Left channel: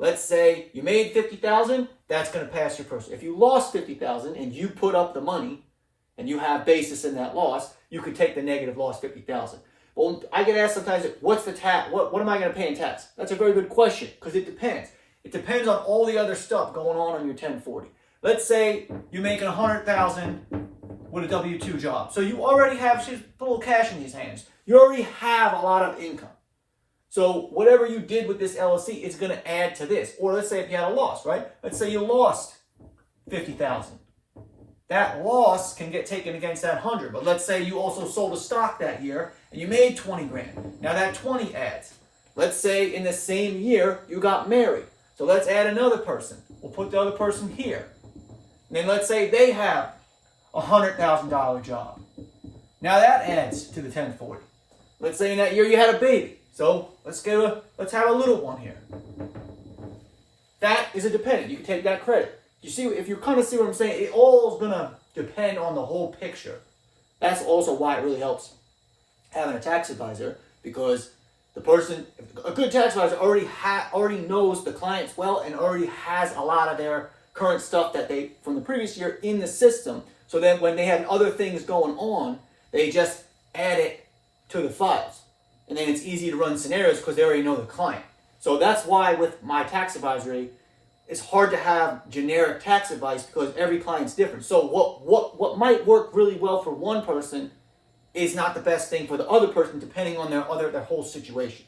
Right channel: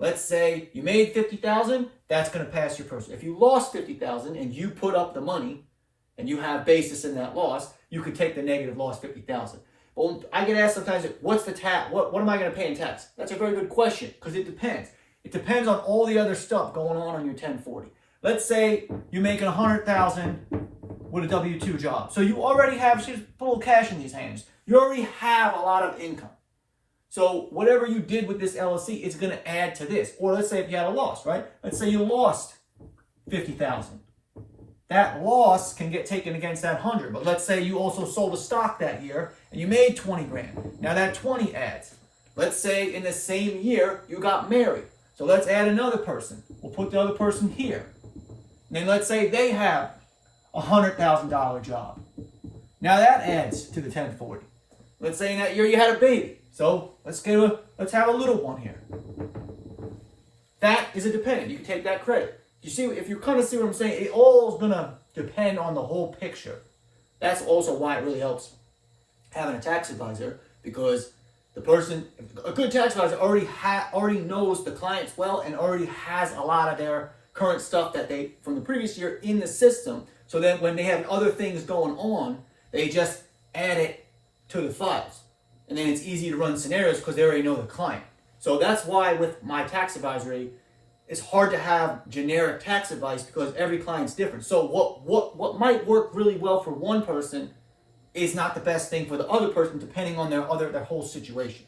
Let's say you made $50,000, that's going to pass your person. If you lost $50,000 and you put up the money and you have basis in that loss, you could take the negative loss $50,000. But I get asked sometimes, what's the tax? What am I going to pay in tax? That's a very good question because it depends. It depends on all the other stuff going on your 1040. Let's say you're making $100,000 with a W-2 job. So you already have, just put a little cash in these hands. You already have a lot of income. So whatever you did with this LLC is going to add to this. Or let's say if you had a loss, right? Let's say you lost $50,000. That loss can get taken against that 100. But let's say you also sold a stock that year and you made 20 grand. Now that 20 adds. Let's say in the same year you got married. So let's add another person. We'll put the other person here. And then let's say they have a $100,000 job. Now that adds to the 1040. Let's say in that year you had a baby. So let's have a little one here. That is a dependent. You can take that credit. You see, if you kind of see what I'm saying, it all is going to depend on the whole picture. That's also why it really helps having a tax advisor, because the person, a good tax advisor already knows the clients well and already has a lot of their current stuff that they from the previous year in the system. So that when they have other things going on, they just add it to the files. And then it's easy to run scenarios because they already know the client. So that's why with my tax advisory, it's hard to have generic tax advice because every client's different. So what might work really well for one person is not the best thing for the other person, depending on their whole situation.